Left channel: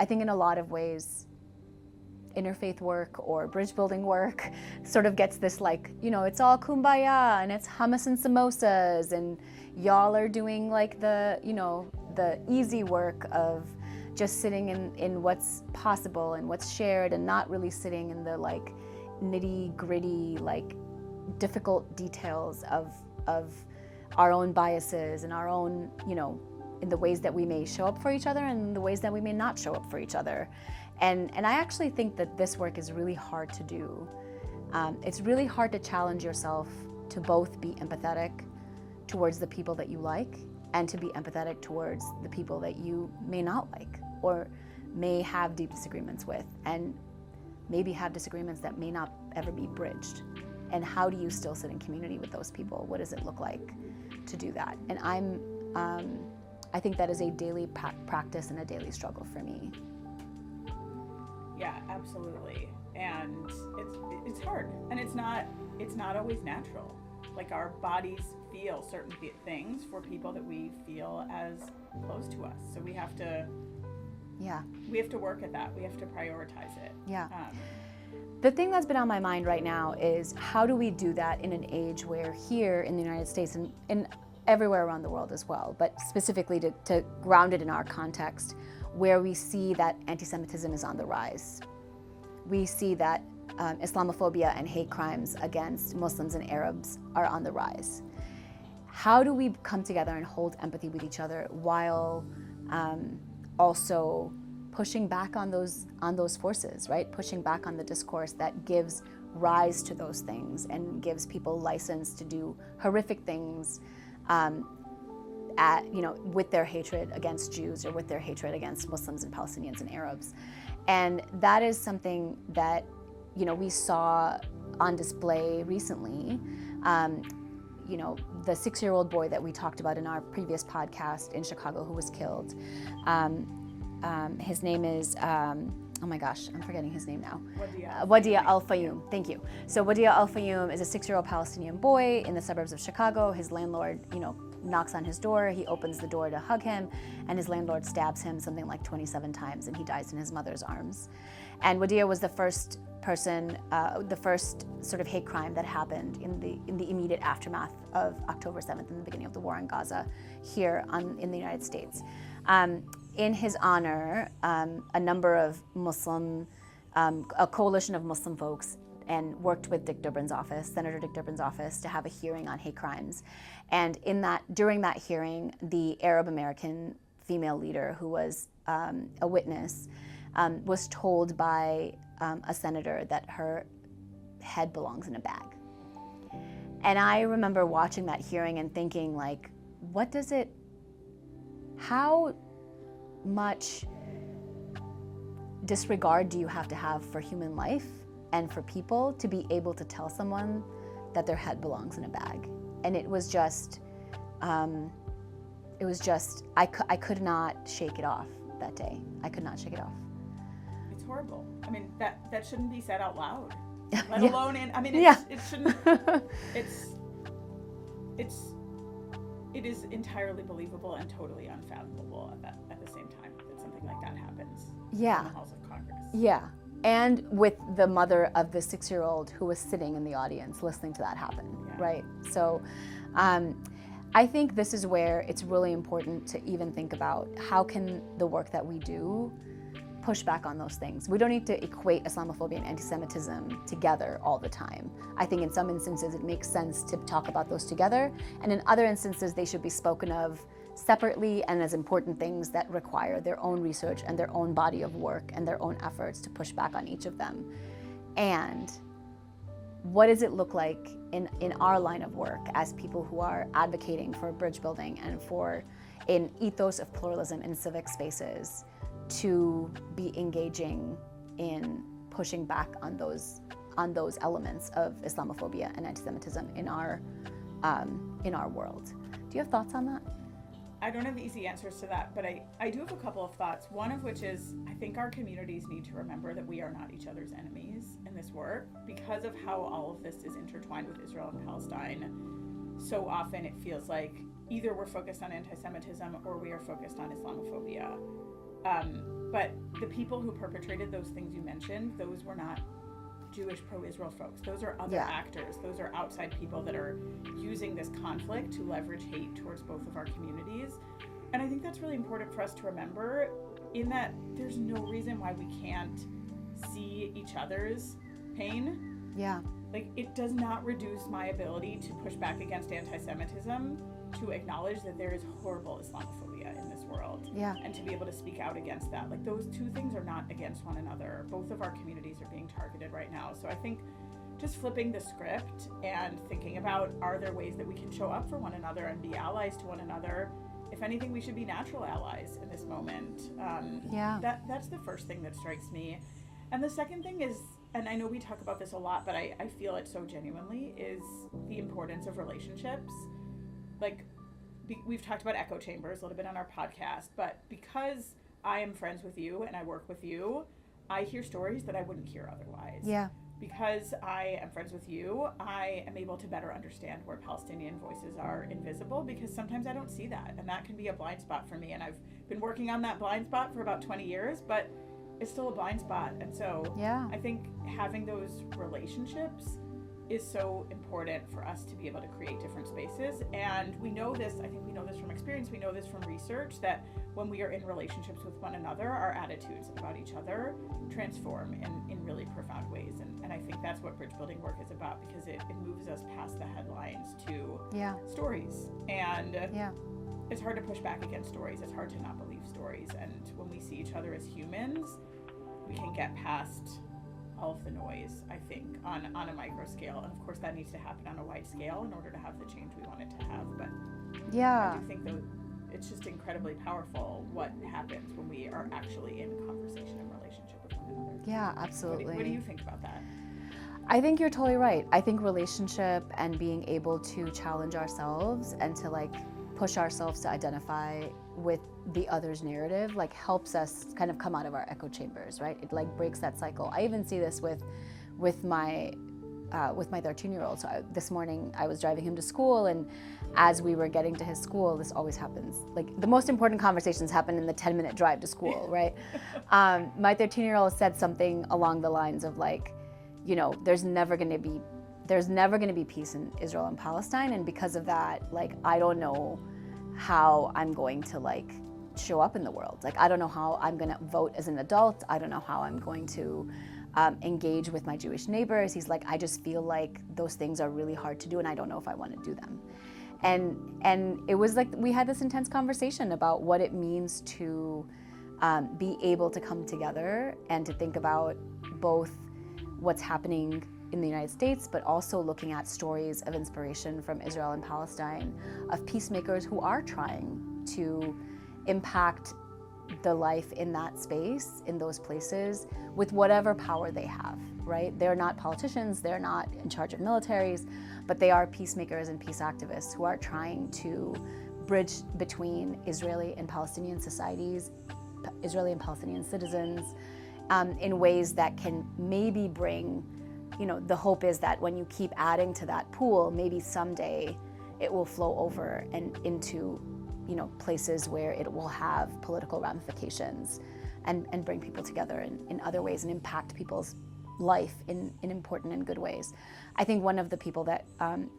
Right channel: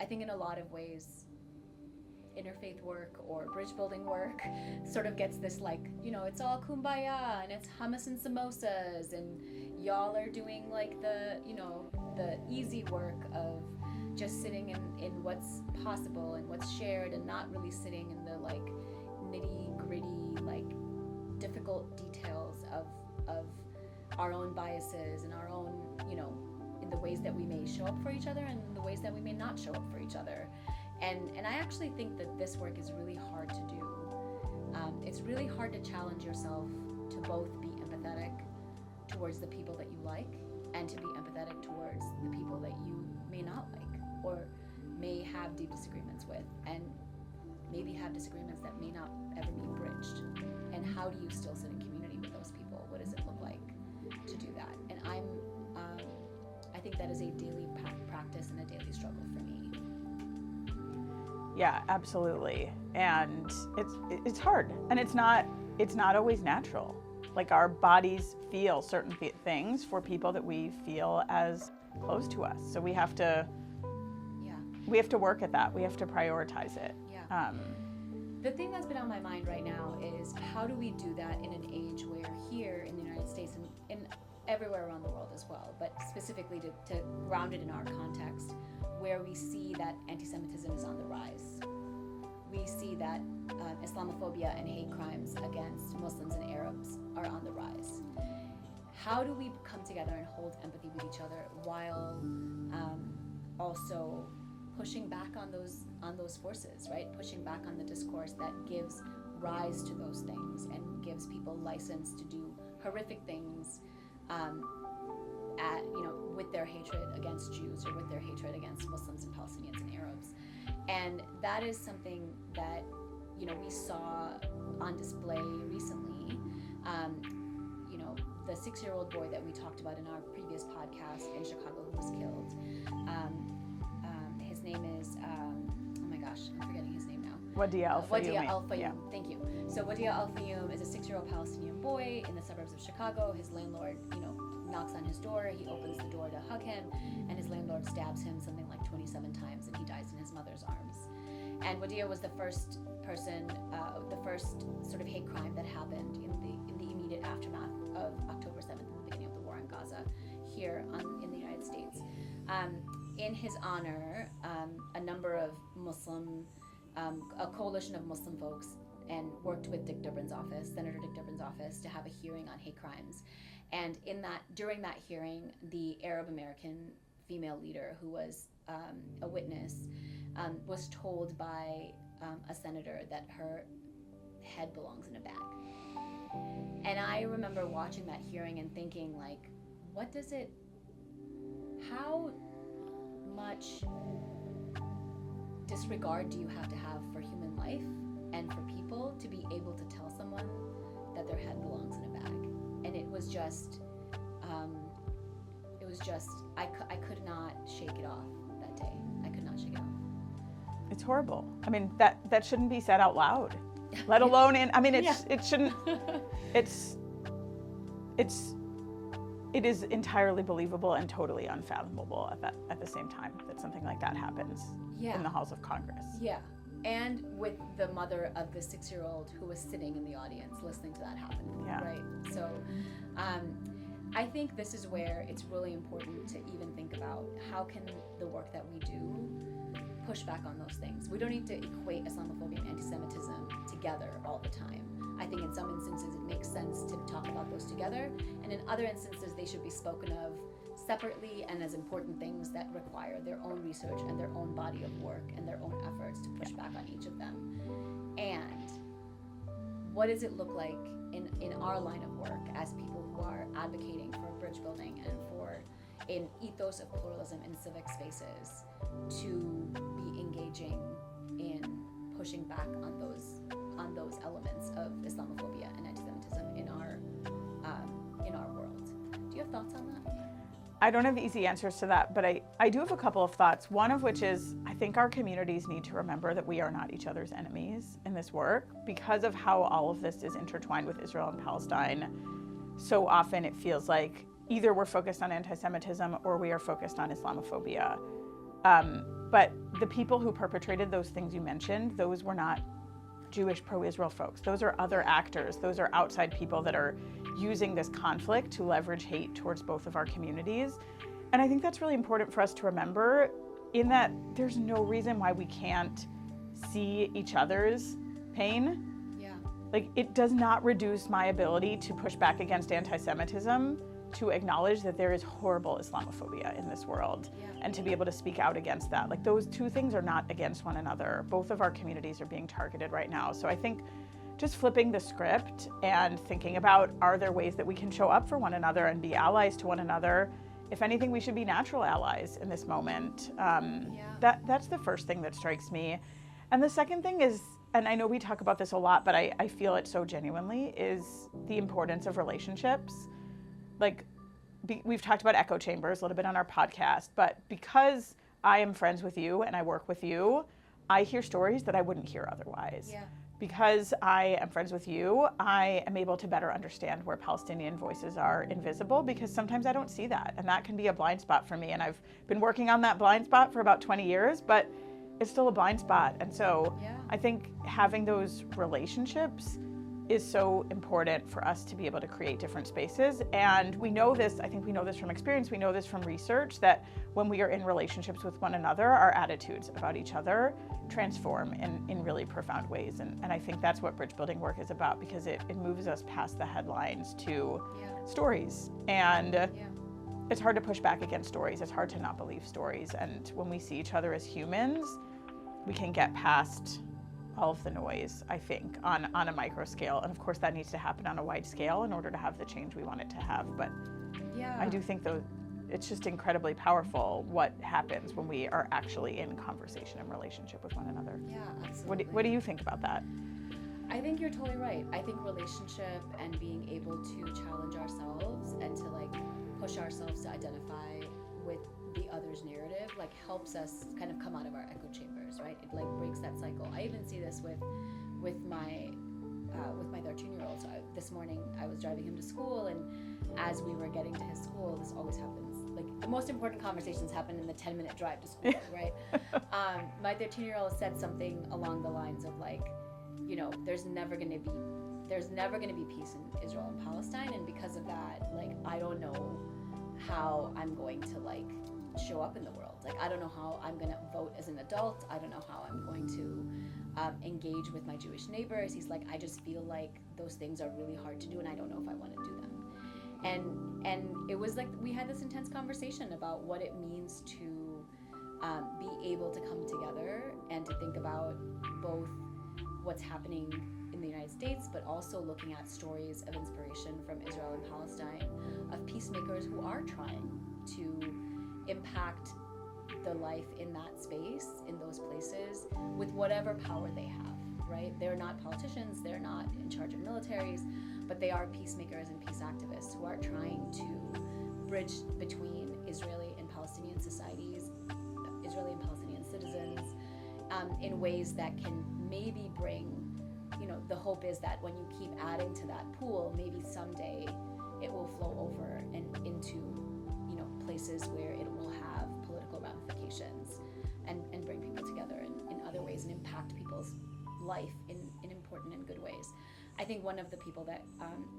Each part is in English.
I think in a lot of ways, interfaith work or bridge building work sort of gets this like, you know, it's all kumbaya and it's hummus and samosas and y'all are doing like the, you know, the easy work of just sitting in what's possible and what's shared and not really sitting in the like nitty gritty, like difficult details of our own biases and our own, you know, in the ways that we may show up for each other and the ways that we may not show up for each other. And I actually think that this work is really hard to do. It's really hard to challenge yourself to both be empathetic towards the people that you like and to be empathetic towards the people that you may not like or may have deep disagreements with, and maybe have disagreements that may not ever be bridged. And how do you still sit in community with those people? What does it look like to do that? And I think that is a daily practice and a daily struggle for me. Yeah, absolutely. And it's hard, and it's not always natural. Like, our bodies feel certain things for people that we feel as close to us. So we have to work at that. We have to prioritize it. Yeah. The thing that's been on my mind right now is how do we do that in an age where here in the United States and everywhere around the world as well, but specifically to ground it in our context, where we see that anti-Semitism is on the rise. We see that Islamophobia and hate crimes against Muslims and Arabs are on the rise. How do we come together and hold empathy with each other while also pushing back on those forces, right? Pushing back on the discourse that gives rise to those things and gives people license to do horrific things with their hatred against Jews or with their hatred against Muslims and Palestinians and Arabs. And that is something that, you know, we saw on display recently. The 6-year-old boy that we talked about in our previous podcast in Chicago who was killed. His name is, oh my gosh, I'm forgetting his name now. Wadia Al-Fayoum. Yeah. Thank you. So Wadia Al-Fayoum is a 6-year-old Palestinian boy in the suburbs of Chicago. His landlord, knocks on his door. He opens the door to hug him, and his landlord stabs him something like 27 times, and he dies in his mother's arms. And Wadia was the first person, the first sort of hate crime that happened in the immediate aftermath of October 7th and the beginning of the war in Gaza here in the United States. In his honor, a number of a coalition of Muslim folks and worked with Senator Dick Durbin's office, to have a hearing on hate crimes. And during that hearing, the Arab American female leader who was a witness was told by a senator that her head belongs in a bag. And I remember watching that hearing and thinking, like, how much disregard do you have to have for human life and for people to be able to tell someone that their head belongs in a bag? And it was just, I could not shake it off that day. I could not shake it off. It's horrible. I mean, that shouldn't be said out loud, let Yeah. alone it shouldn't, it is entirely believable and totally unfathomable at the same time that something like that happens in the halls of Congress. Yeah, and with the mother of the 6-year-old who was sitting in the audience listening to that happen, right? So I think this is where it's really important to even think about how can the work that we do push back on those things. We don't need to equate Islamophobia and anti-Semitism together all the time. I think in some instances it makes sense to talk about those together, and in other instances they should be spoken of separately and as important things that require their own research and their own body of work and their own efforts to push back on each of them. And what does it look like in our line of work as people who are advocating for bridge building and for an ethos of pluralism in civic spaces to be engaging in pushing back on those elements of Islamophobia and anti-Semitism in our world? Do you have thoughts on that? I don't have easy answers to that, but I do have a couple of thoughts. One of which is, I think our communities need to remember that we are not each other's enemies in this work because of how all of this is intertwined with Israel and Palestine. So often it feels like either we're focused on anti-Semitism or we are focused on Islamophobia. But the people who perpetrated those things you mentioned, those were not Jewish pro-Israel folks. Those are other actors. Those are outside people that are using this conflict to leverage hate towards both of our communities. And I think that's really important for us to remember, in that there's no reason why we can't see each other's pain. Yeah. Like, it does not reduce my ability to push back against anti-Semitism, to acknowledge that there is horrible Islamophobia in this world, and to be able to speak out against that. Like, those two things are not against one another. Both of our communities are being targeted right now. So I think just flipping the script and thinking about, are there ways that we can show up for one another and be allies to one another? If anything, we should be natural allies in this moment. That's the first thing that strikes me. And the second thing is, and I know we talk about this a lot, but I feel it so genuinely, is the importance of relationships. Like, we've talked about echo chambers a little bit on our podcast, but because I am friends with you and I work with you, I hear stories that I wouldn't hear otherwise. Yeah. Because I am friends with you, I am able to better understand where Palestinian voices are invisible, because sometimes I don't see that, and that can be a blind spot for me. And I've been working on that blind spot for about 20 years, but it's still a blind spot. And so I think having those relationships is so important for us to be able to create different spaces. And we know this, I think we know this from experience, we know this from research, that when we are in relationships with one another, our attitudes about each other transform in really profound ways. And I think that's what bridge building work is about, because it moves us past the headlines to stories. And it's hard to push back against stories. It's hard to not believe stories. And when we see each other as humans, we can get past all of the noise, I think, on a micro scale. And of course that needs to happen on a wide scale in order to have the change we want it to have. But I do think, though, it's just incredibly powerful what happens when we are actually in conversation and relationship with one another. Yeah, absolutely. What do you think about that? I think you're totally right. I think relationship and being able to challenge ourselves and to like push ourselves to identify with the other's narrative like helps us kind of come out of our echo chambers, right? It like breaks that cycle. I even see this with my 13-year-old. So this morning I was driving him to school, and as we were getting to his school, this always happens. Like, the most important conversations happen in the 10-minute drive to school, right? My 13-year-old said something along the lines of like, you know, there's never going to be peace in Israel and Palestine, and because of that, like, I don't know how I'm going to like show up in the world. Like, I don't know how I'm going to vote as an adult. I don't know how I'm going to engage with my Jewish neighbors. He's like, I just feel like those things are really hard to do, and I don't know if I want to do them. And it was like we had this intense conversation about what it means to be able to come together and to think about both what's happening in the United States, but also looking at stories of inspiration from Israel and Palestine, of peacemakers who are trying to impact the life in that space, in those places, with whatever power they have, right? They're not politicians, they're not in charge of militaries, but they are peacemakers and peace activists who are trying to bridge between Israeli and Palestinian societies, Israeli and Palestinian citizens, in ways that can maybe bring, you know, the hope is that when you keep adding to that pool, maybe someday it will flow over and into, you know, places where it will have political ramifications and bring people together in other ways and impact people's life in important and good ways. I think one of the people that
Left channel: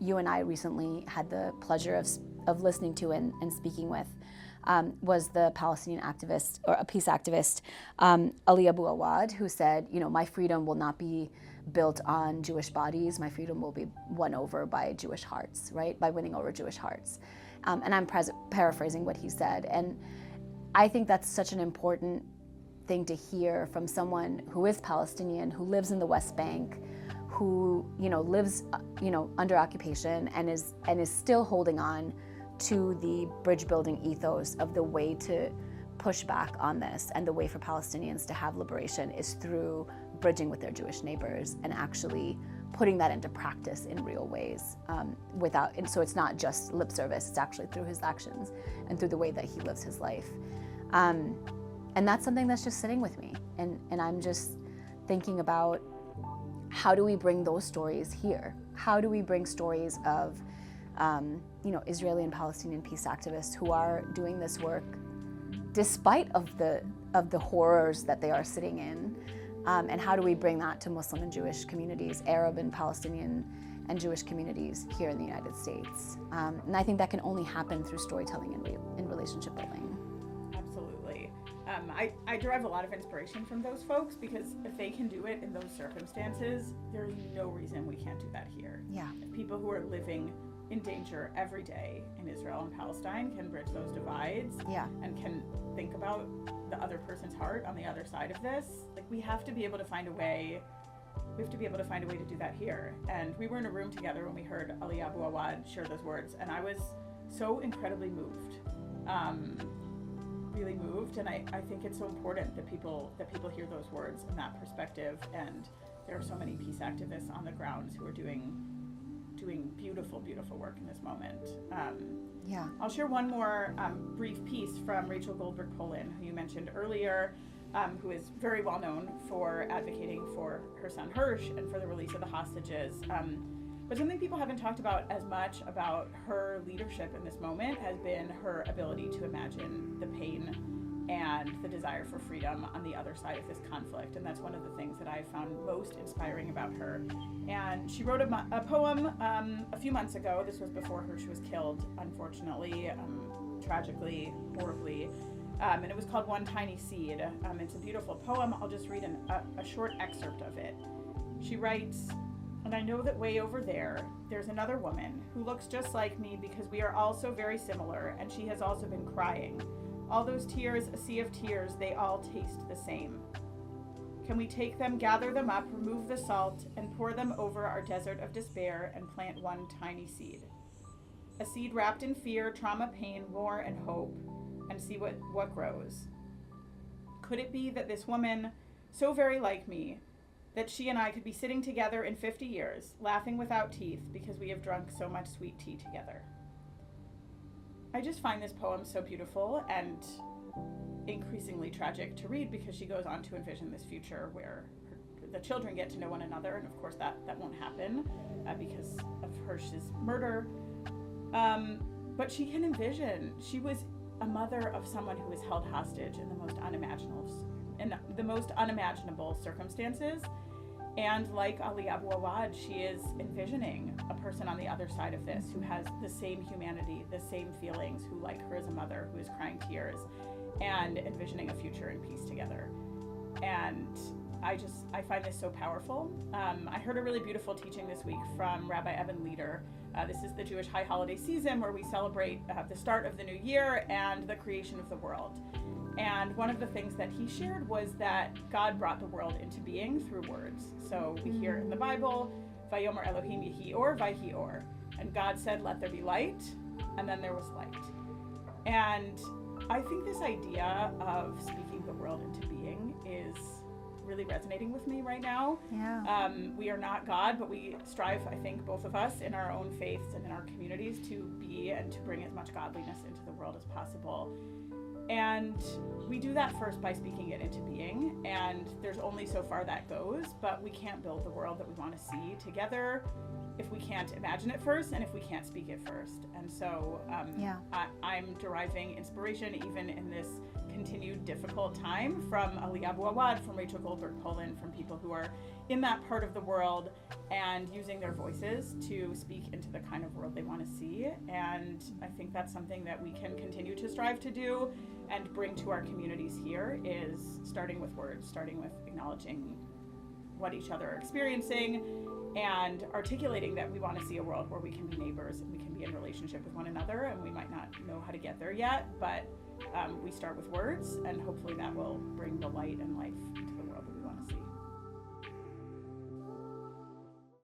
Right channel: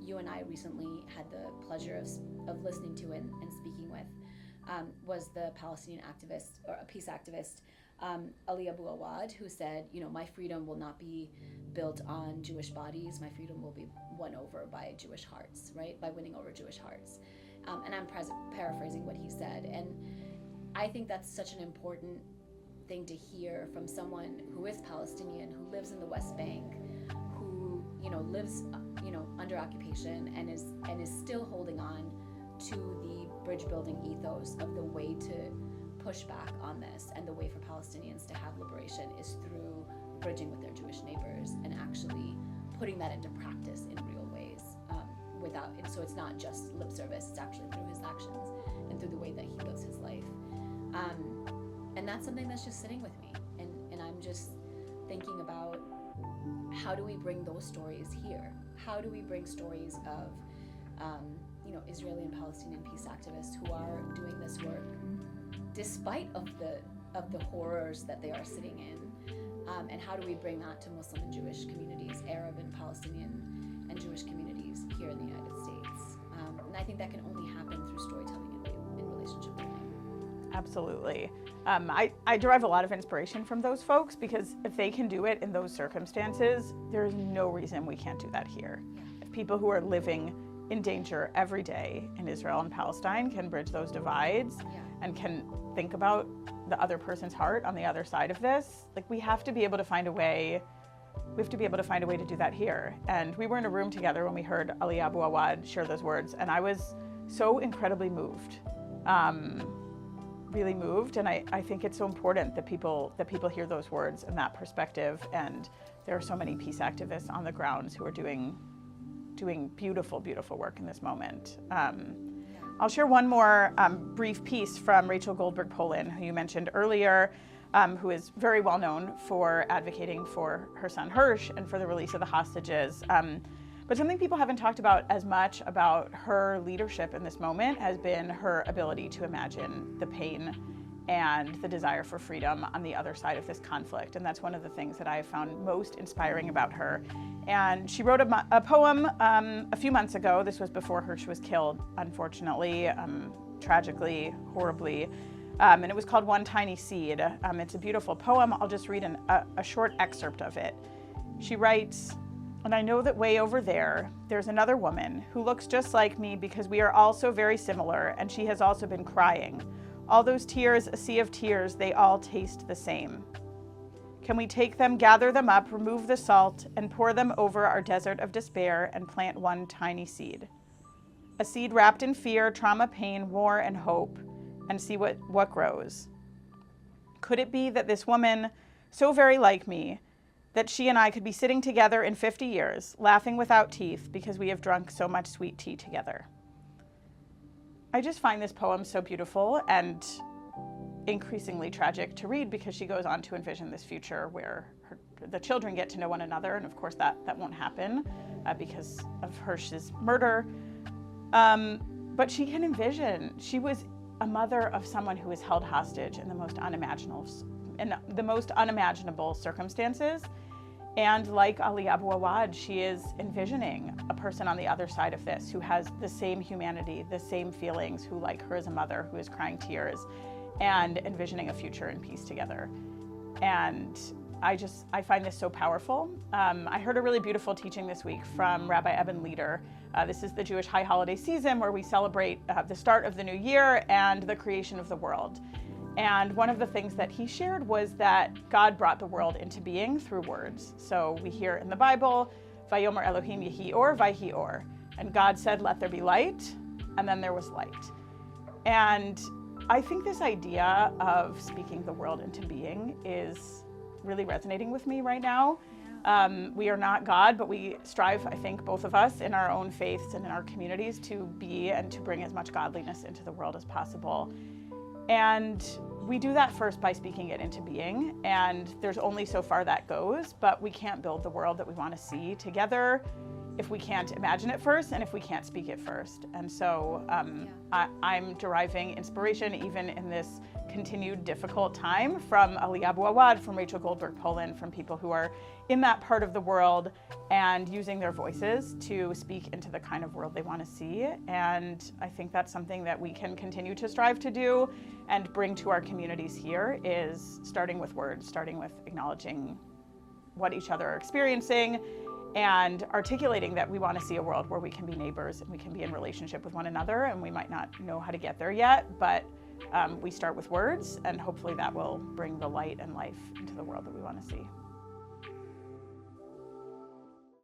you and I recently had the pleasure of listening to and speaking with was the Palestinian activist, or a peace activist, Ali Abu Awad, who said, you know, my freedom will not be built on Jewish bodies. My freedom will be won over by Jewish hearts, right? By winning over Jewish hearts. And I'm paraphrasing what he said. And I think that's such an important thing to hear from someone who is Palestinian, who lives in the West Bank, who, you know, lives, you know, under occupation and is still holding on to the bridge building ethos of the way to push back on this, and the way for Palestinians to have liberation is through bridging with their Jewish neighbors and actually putting that into practice in real ways, and so it's not just lip service, it's actually through his actions and through the way that he lives his life. And that's something that's just sitting with me, and I'm just thinking about, how do we bring those stories here? How do we bring stories of you know, Israeli and Palestinian peace activists who are doing this work despite of of the horrors that they are sitting in, and how do we bring that to Muslim and Jewish communities, Arab and Palestinian and Jewish communities here in the United States. And I think that can only happen through storytelling and relationship building. Absolutely. I derive a lot of inspiration from those folks, because if they can do it in those circumstances, there's no reason we can't do that here. Yeah. If people who are living in danger every day in Israel and Palestine can bridge those divides, and can think about the other person's heart on the other side of this, like, we have to be able to find a way. We have to be able to find a way to do that here. And we were in a room together when we heard Ali Abu Awad share those words, and I was so incredibly moved, really moved. And I think it's so important that people hear those words and that perspective. And there are so many peace activists on the grounds who are doing beautiful, beautiful work in this moment. I'll share one more brief piece from Rachel Goldberg-Polin, who you mentioned earlier, who is very well known for advocating for her son Hirsch and for the release of the hostages. But something people haven't talked about as much about her leadership in this moment has been her ability to imagine the pain and the desire for freedom on the other side of this conflict. And that's one of the things that I have found most inspiring about her. And she wrote a poem a few months ago. This was before Hirsch was killed, unfortunately, tragically, horribly. And it was called One Tiny Seed. It's a beautiful poem. I'll just read a short excerpt of it. She writes, "And I know that way over there, there's another woman who looks just like me, because we are all so very similar, and she has also been crying. All those tears, a sea of tears, they all taste the same. Can we take them, gather them up, remove the salt, and pour them over our desert of despair and plant one tiny seed? A seed wrapped in fear, trauma, pain, war, and hope, and see what grows. Could it be that this woman, so very like me, that she and I could be sitting together in 50 years, laughing without teeth because we have drunk so much sweet tea together?" I just find this poem so beautiful and increasingly tragic to read, because she goes on to envision this future where the children get to know one another, and of course that won't happen because of Hirsch's murder. But she can envision, she was a mother of someone who was held hostage in the most unimaginable circumstances. And like Ali Abu Awad, she is envisioning a person on the other side of this who has the same humanity, the same feelings, who, like her, is a mother who is crying tears, and envisioning a future in peace together. And I find this so powerful. I heard a really beautiful teaching this week from Rabbi Eben Leder. This is the Jewish high holiday season where we celebrate the start of the new year and the creation of the world. And one of the things that he shared was that God brought the world into being through words. So we hear in the Bible, Vayomer Elohim Yehi Or, Vayhi Or. And God said, "Let there be light," and then there was light. And I think this idea of speaking the world into being is really resonating with me right now. We are not God, but we strive, I think, both of us in our own faiths and in our communities, to be and to bring as much godliness into the world as possible. And we do that first by speaking it into being, and there's only so far that goes, but we can't build the world that we want to see together if we can't imagine it first and if we can't speak it first. And so I'm deriving inspiration even in this continued difficult time from Ali Abu Awad, from Rachel Goldberg-Polin, from people who are in that part of the world and using their voices to speak into the kind of world they want to see. And I think that's something that we can continue to strive to do and bring to our communities here, is starting with words, starting with acknowledging what each other are experiencing and articulating that we want to see a world where we can be neighbors and we can be in relationship with one another, and we might not know how to get there yet, but we start with words, and hopefully that will bring the light and life into the world that we want to see.